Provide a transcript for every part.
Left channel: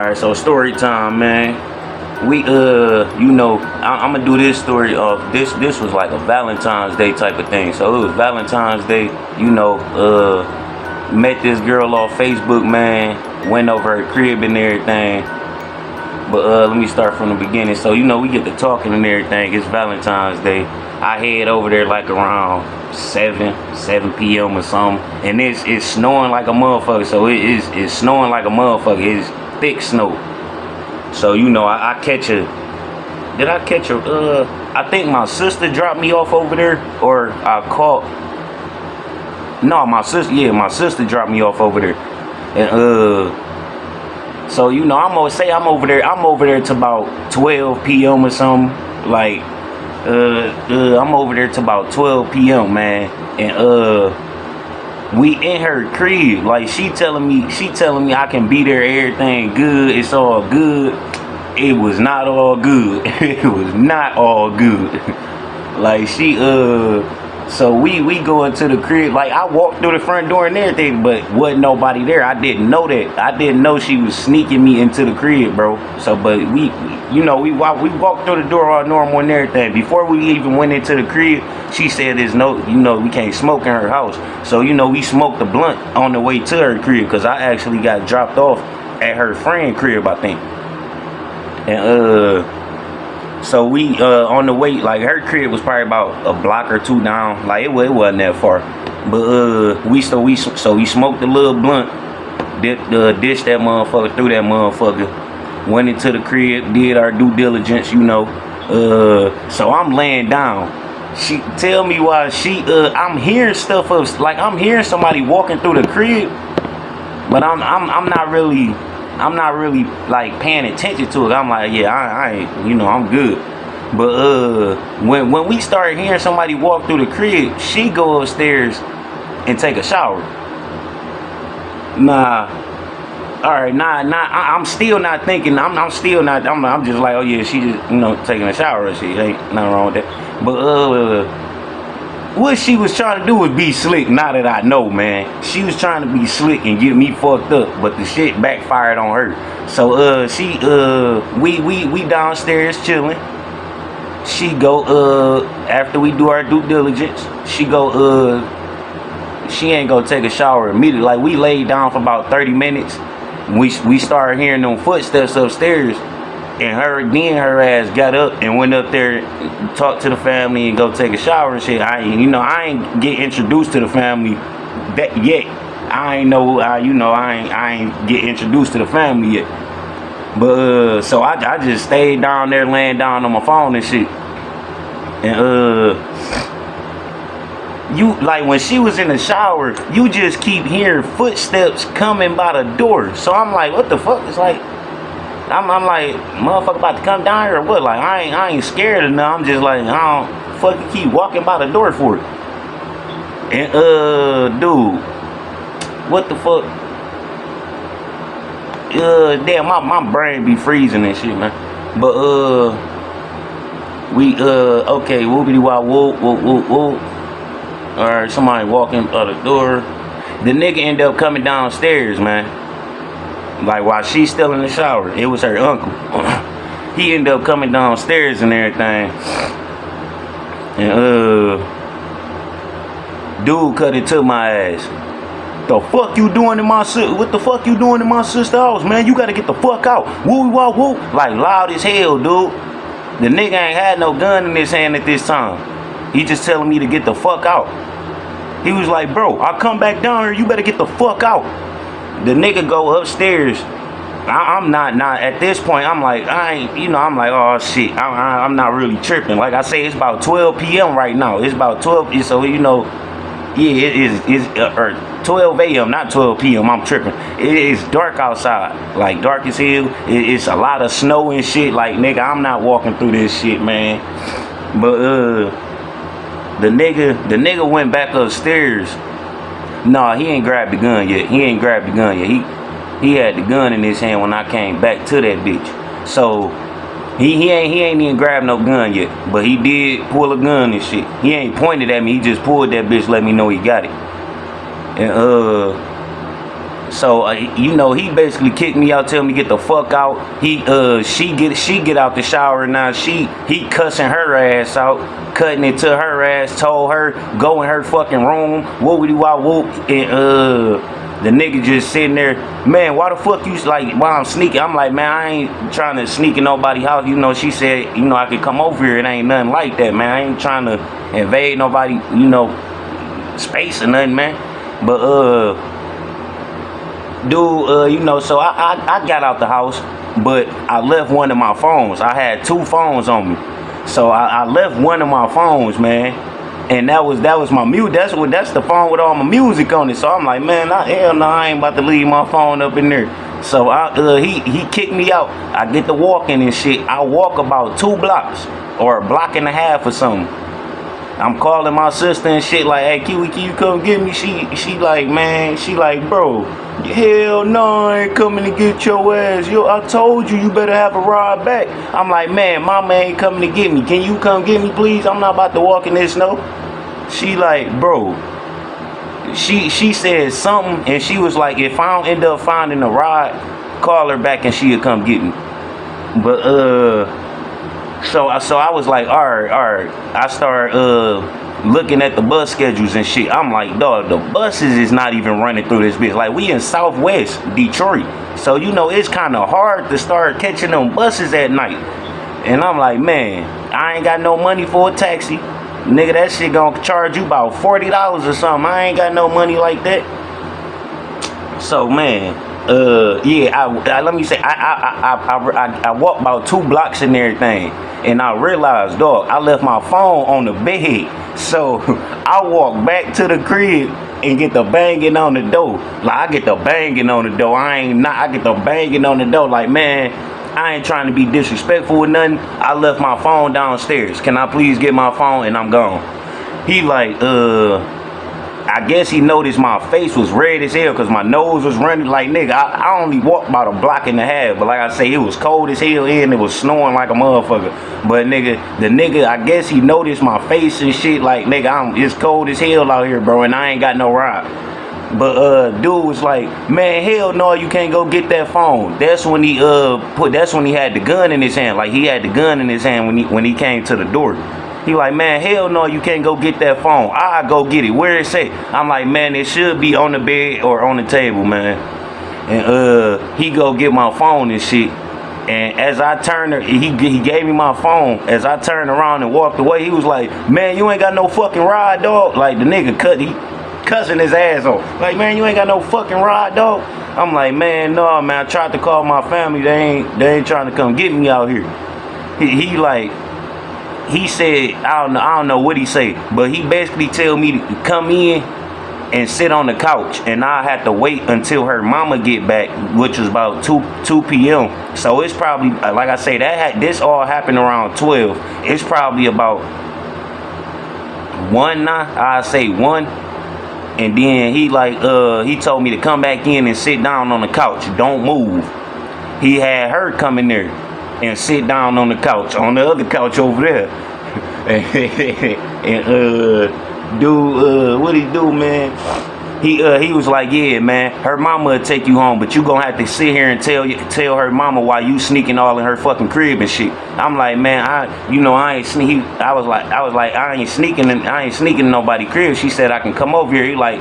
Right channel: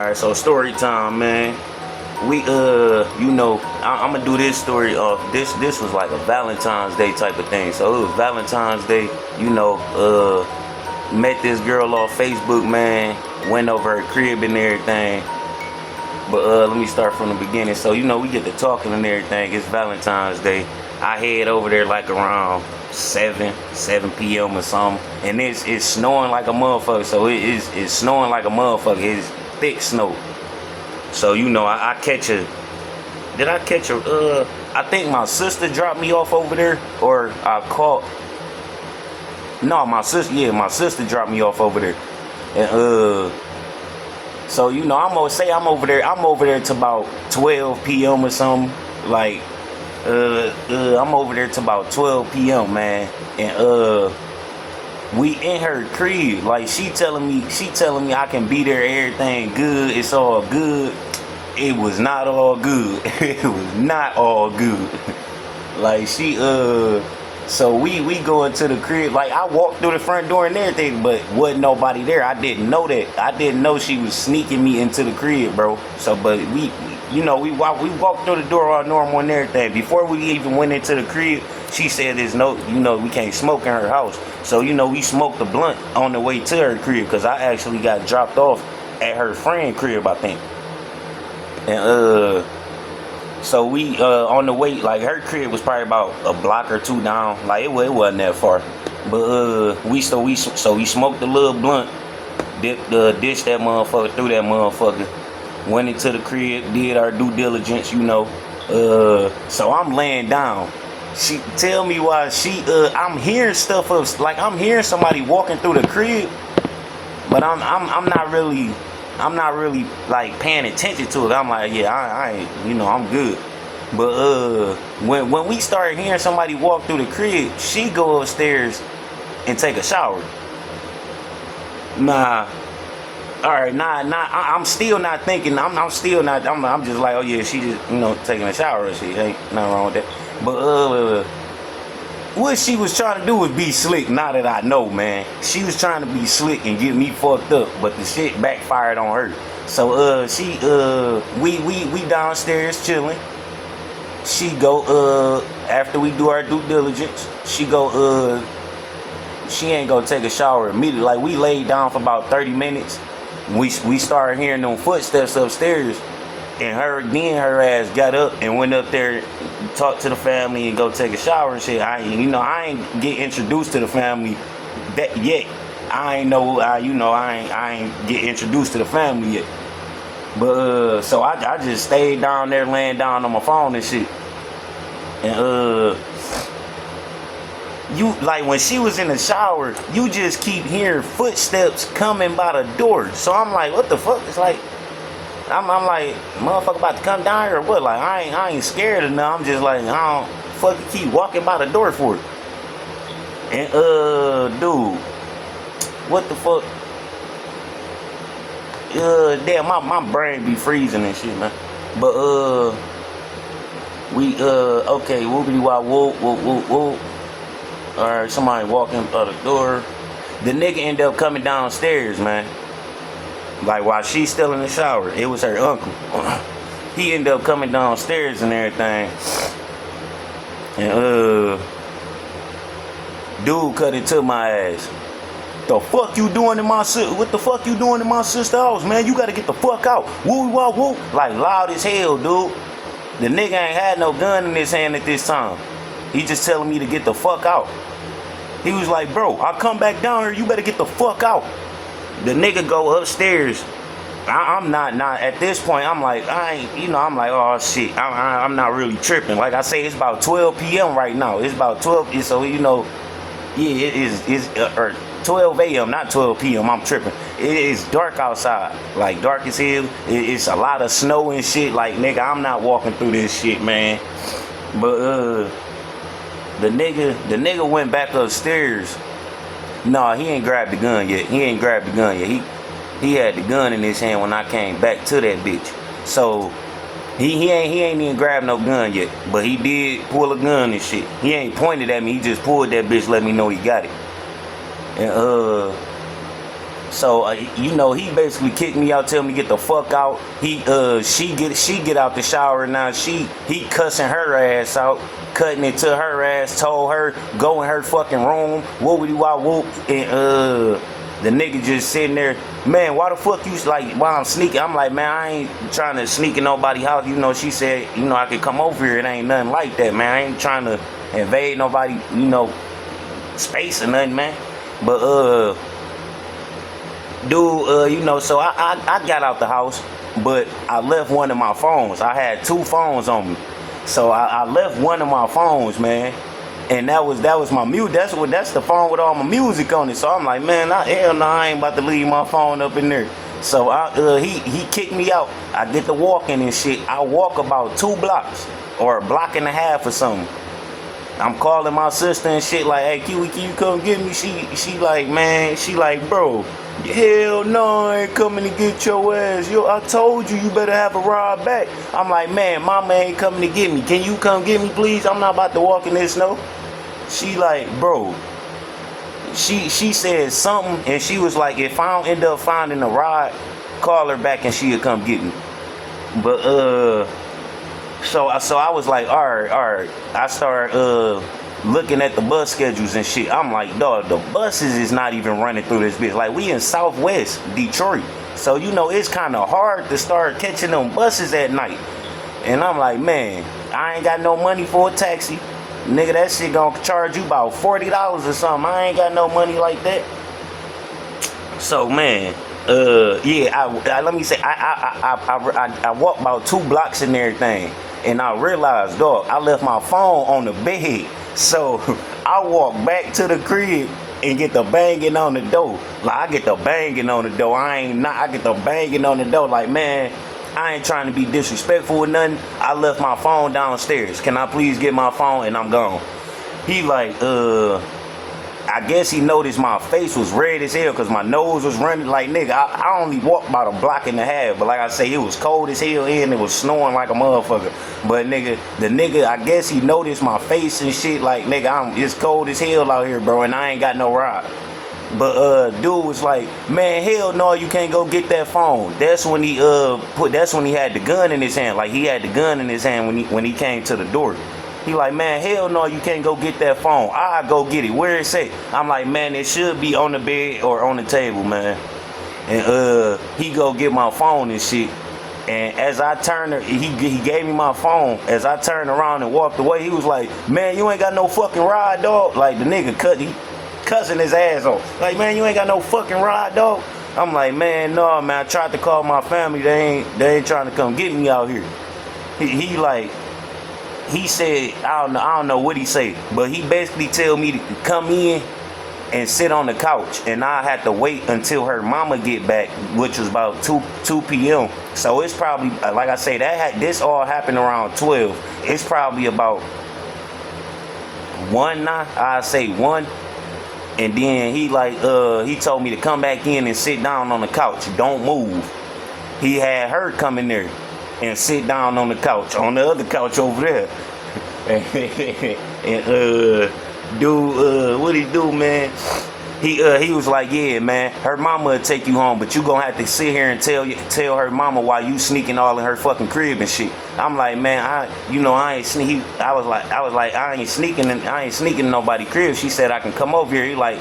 Alright, so story time, man. I'm gonna do this story of this was like a Valentine's Day type of thing. So it was Valentine's Day, met this girl off Facebook, man, went over her crib and everything. But let me start from the beginning. So, we get to talking and everything. It's Valentine's Day. I head over there like around 7 p.m. or something. And it's snowing like a motherfucker. So it's snowing like a motherfucker. It's thick snow. So, I catch a... Did I catch a... I think my sister dropped me off over there. Or I caught... No, my sister dropped me off over there. And, so, I'm over there to about 12 p.m. or something. Like, I'm over there to about 12 p.m., man. And, we in her crib. Like, she telling me I can be there, everything good, it's all good. It was not all good. It was not all good. Like, so we go into the crib. Like, I walked through the front door and everything, but wasn't nobody there. I didn't know that. I didn't know she was sneaking me into the crib, bro. So, but we walked through the door all normal and everything. Before we even went into the crib, she said there's no, we can't smoke in her house. So, we smoked the blunt on the way to her crib, because I actually got dropped off at her friend crib, I think. And, so we on the way, like her crib was probably about a block or two down. Like it wasn't that far. But we smoked a little blunt, dished that motherfucker through that motherfucker, went into the crib, did our due diligence, so I'm laying down. She tell me why I'm hearing stuff of, like, I'm hearing somebody walking through the crib, but I'm not really like paying attention to it. I'm like, yeah, I ain't, I'm good. But when we started hearing somebody walk through the crib, she go upstairs and take a shower. I'm still not thinking. I'm still not. I'm just like, oh yeah, she just taking a shower and shit. Ain't nothing wrong with that. But what she was trying to do was be slick. Now that I know, man, she was trying to be slick and get me fucked up, but the shit backfired on her. So we downstairs chilling. She go after we do our due diligence. She go she ain't gonna take a shower immediately. Like, we laid down for about 30 minutes. We started hearing them footsteps upstairs. And her ass got up and went up there, talked to the family, and go take a shower and shit. I ain't get introduced to the family that yet. I ain't get introduced to the family yet. But so I just stayed down there, laying down on my phone and shit. And like, when she was in the shower, you just keep hearing footsteps coming by the door. So I'm like, what the fuck? It's like, I'm like, motherfucker about to come down here or what? Like, I ain't scared of nothing. I'm just like, I don't fucking keep walking by the door for it. And dude, what the fuck? Damn, my brain be freezing and shit, man. But okay, whoopity wop whoop. Alright, somebody walking out the door. The nigga ended up coming downstairs, man. Like, while she's still in the shower. It was her uncle. He ended up coming downstairs and everything. And dude cut into my ass. The fuck you doing in my sister? What the fuck you doing in my sister's house, man? You gotta get the fuck out. Woo wah woo. Like, loud as hell, dude. The nigga ain't had no gun in his hand at this time. He just telling me to get the fuck out. He was like, bro, I'll come back down here. You better get the fuck out. The nigga go upstairs. I'm not at this point. I'm like, I'm like, oh shit. I'm not really tripping. Like I say, it's about 12 p.m. right now. It's about 12. So yeah, it's 12 a.m. not 12 p.m. I'm tripping. It's dark outside, like dark as hell. It's a lot of snow and shit. Like, nigga, I'm not walking through this shit, man. But the nigga went back upstairs. Nah, he ain't grabbed the gun yet. He had the gun in his hand when I came back to that bitch. So he ain't even grabbed no gun yet. But he did pull a gun and shit. He ain't pointed at me. He just pulled that bitch, let me know he got it. And So you know, he basically kicked me out, tell me get the fuck out. She get out the shower now. He cussing her ass out, cutting it to her ass, told her go in her fucking room, whoopity wop whoop, and the nigga just sitting there, man, why the fuck you like while I'm sneaking? I'm like, man, I ain't trying to sneak in nobody's house. You know, she said, you know, I could come over here. It ain't nothing like that, man. I ain't trying to invade nobody, you know, space or nothing, man. But dude, you know, so I got out the house, but I left one of my phones. I had 2 phones on me. So I left one of my phones, man. And that was my music. That's the phone with all my music on it. So I'm like, man, hell no, I ain't about to leave my phone up in there. So he kicked me out. I get to walking and shit. I walk about 2 blocks or a block and a half or something. I'm calling my sister and shit like, hey, Kiwi, can you come get me? She like, man, she like, bro, hell no, I ain't coming to get your ass. Yo, I told you better have a ride back. I'm like, man, mama ain't coming to get me. Can you come get me, please? I'm not about to walk in this snow. She like, bro, she said something, and she was like, if I don't end up finding a ride, call her back and she'll come get me. But so I was like, all right. I started looking at the bus schedules and shit. I'm like, dog, the buses is not even running through this bitch. Like, we in Southwest Detroit, so you know it's kind of hard to start catching them buses at night. And I'm like, man, I ain't got no money for a taxi. Nigga, that shit gonna charge you about $40 or something. I ain't got no money like that. So, man, yeah, let me say, I walked about 2 blocks and everything, and I realized, dog, I left my phone on the bed. So I walked back to the crib and get the banging on the door. Like, I get the banging on the door. I get the banging on the door. Like, man, I ain't trying to be disrespectful or nothing. I left my phone downstairs. Can I please get my phone? And I'm gone. He like, I guess he noticed my face was red as hell because my nose was running. Like, nigga, I only walked about a block and a half. But like I say, it was cold as hell here and it was snowing like a motherfucker. But the nigga, I guess he noticed my face and shit. Like, nigga, it's cold as hell out here, bro, and I ain't got no ride. But dude was like, man, hell no, you can't go get that phone. That's when he had the gun in his hand. Like, he had the gun in his hand when he came to the door. He like, man, hell no, you can't go get that phone. I go get it. Where it at? I'm like, man, it should be on the bed or on the table, man. And he go get my phone and shit. And as I turned, he gave me my phone. As I turned around and walked away, he was like, man, you ain't got no fucking ride, dog. Like, the nigga cussing his ass off. Like, man, you ain't got no fucking ride, dog. I'm like, man, no, man, I tried to call my family. They ain't trying to come get me out here. He said, I don't know what he said, but he basically tell me to come in and sit on the couch, and I had to wait until her mama get back, which was about 2 p.m. So it's probably, like I say, this all happened around 12. It's probably about 1 now. I say 1. And then he told me to come back in and sit down on the couch. Don't move. He had her come in there and sit down on the couch, on the other couch over there. And dude, what he do, man? He was like, yeah, man, her mama will take you home, but you gonna have to sit here and tell her mama why you sneaking all in her fucking crib and shit. I'm like, man, I ain't sneaking. I was like, I ain't sneaking in nobody's crib. She said I can come over here. He like,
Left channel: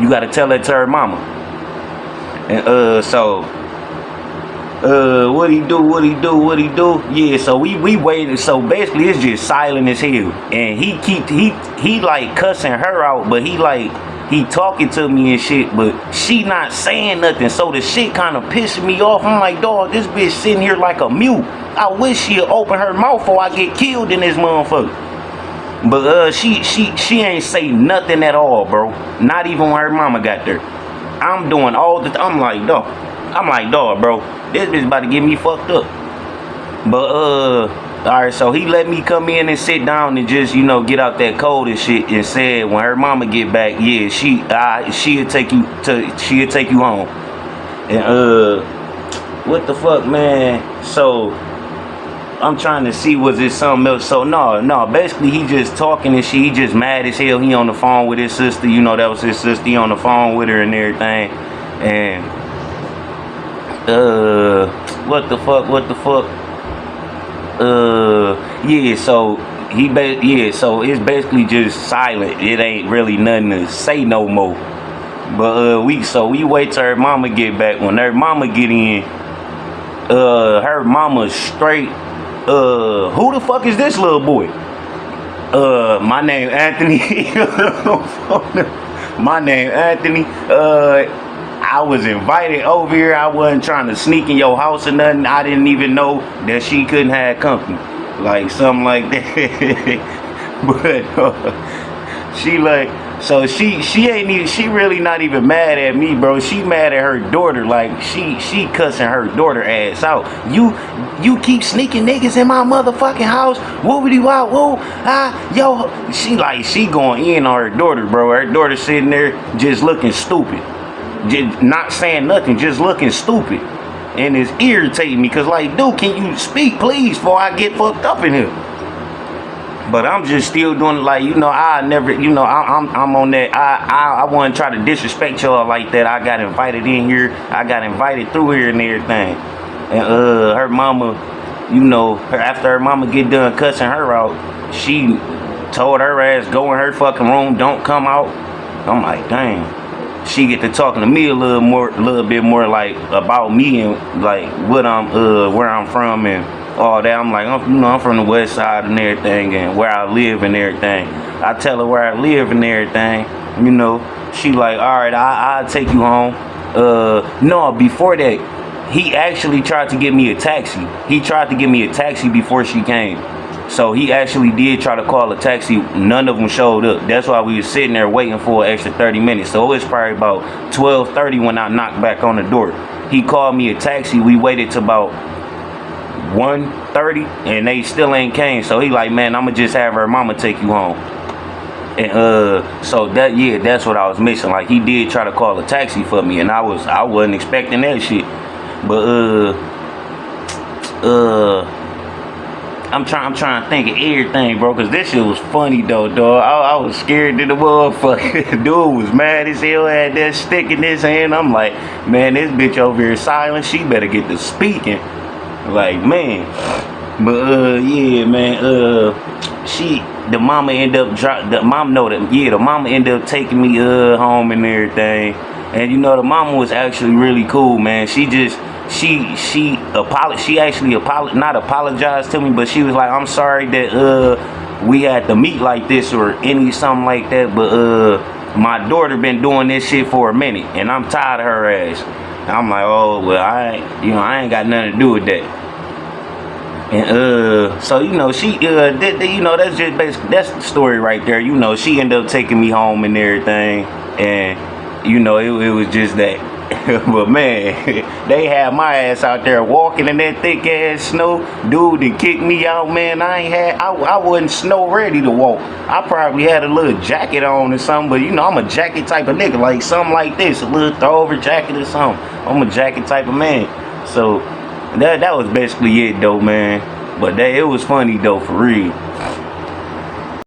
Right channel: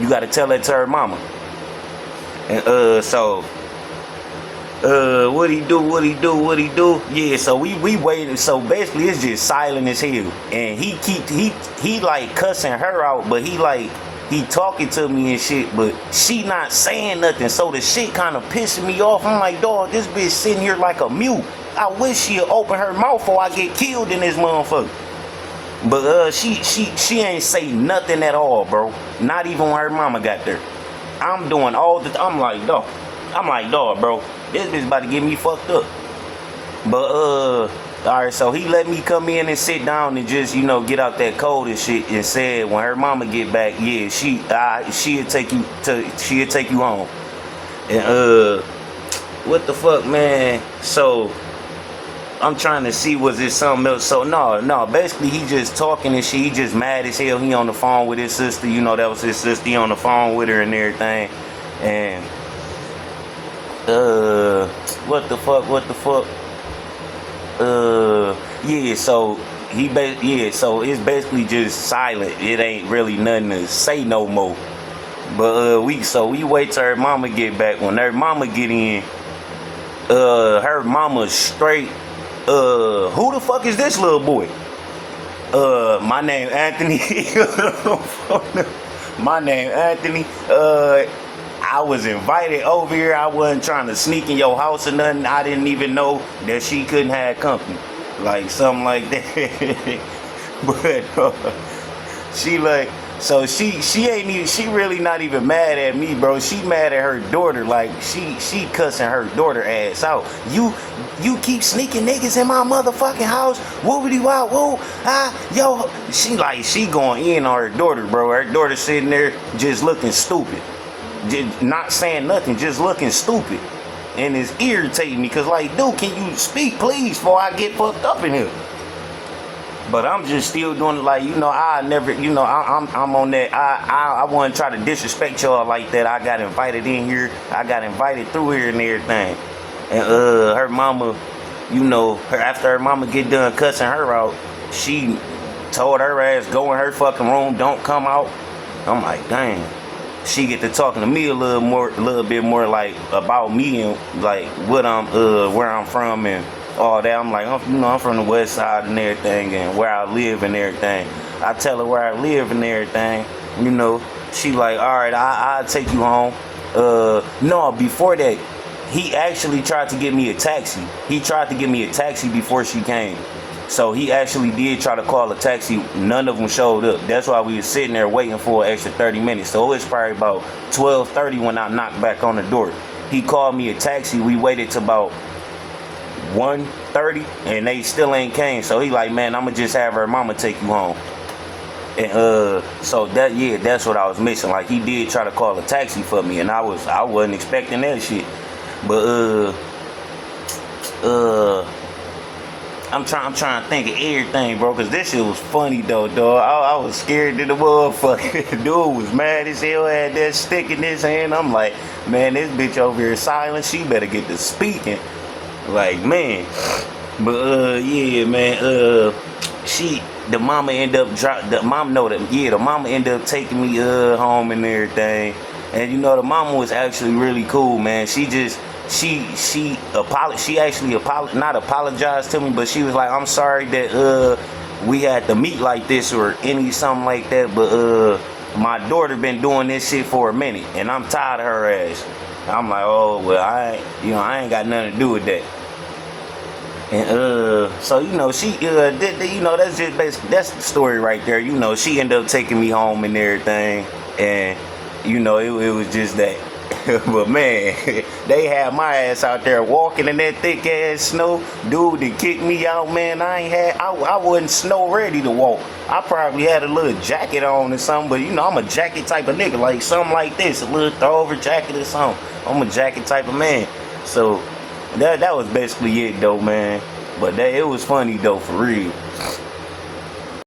you gotta tell that to her mama. And what he do? Yeah, so we waited. So basically, it's just silent as hell. And he like cussing her out, but he talking to me and shit, but she not saying nothing. So the shit kind of pissing me off. I'm like, dog, this bitch sitting here like a mute. I wish she'd open her mouth before I get killed in this motherfucker. But she ain't say nothing at all, bro. Not even when her mama got there. I'm doing all the. I'm like, dog, bro. This bitch about to get me fucked up. But alright, so he let me come in and sit down and just, get out that cold and shit, and said when her mama get back, yeah, she'll take you home. And what the fuck, man? So I'm trying to see, was it something else? So no, basically he just talking and shit. He just mad as hell. He on the phone with his sister, that was his sister. He on the phone with her and everything. And what the fuck? Yeah, so so it's basically just silent. It ain't really nothing to say no more. But we wait till her mama get back. When her mama get in, her mama straight, who the fuck is this little boy? My name Anthony. My name Anthony. I was invited over here. I wasn't trying to sneak in your house or nothing. I didn't even know that she couldn't have company. Like something like that. But she like, so she ain't even, she really not even mad at me, bro. She mad at her daughter. Like she cussing her daughter ass out. You keep sneaking niggas in my motherfucking house. Whoopity wop whoop. Yo. She going in on her daughter, bro. Her daughter sitting there just looking stupid. Just not saying nothing, just looking stupid. And it's irritating me, cause like, dude, can you speak please before I get fucked up in here? But I'm just still doing it like, I never, I'm on that. I wouldn't try to disrespect y'all like that. I got invited in here. I got invited through here and everything. And her mama, after her mama get done cussing her out, she told her ass, go in her fucking room, don't come out. I'm like, dang. She get to talking to me a little bit more like about me and like what where I'm from and all that. I'm like, I'm from the west side and everything, and where I live and everything. I tell her where I live and everything. She like, all right, I'll take you home. No, before that, he actually tried to get me a taxi. He tried to get me a taxi before she came. So he actually did try to call a taxi. None of them showed up. That's why we was sitting there waiting for an extra 30 minutes. So it was probably about 12:30 when I knocked back on the door. He called me a taxi. We waited till about 1:30 and they still ain't came. So he like, man, I'ma just have her mama take you home. And so that's what I was missing. Like, he did try to call a taxi for me, and I wasn't expecting that shit. But I'm trying to think of everything, bro, cause this shit was funny though, dog. I was scared to the motherfucker. Dude was mad as hell, had that stick in his hand. I'm like, man, this bitch over here silent. She better get to speaking. Like, man. But yeah, man. The mama ended up the mama ended up taking me home and everything. And the mama was actually really cool, man. She actually not apologized to me, but she was like, I'm sorry that we had to meet like this or something like that, but my daughter been doing this shit for a minute and I'm tired of her ass. And I'm like, oh well, I ain't got nothing to do with that. And so she that's just basically, that's the story right there. She ended up taking me home and everything, and it was just that. But man, they had my ass out there walking in that thick ass snow. Dude, they kicked me out, man. I wasn't snow ready to walk. I probably had a little jacket on or something, but I'm a jacket type of nigga, like something like this, a little throwover jacket or something. I'm a jacket type of man. So that was basically it though, man. But it was funny though, for real.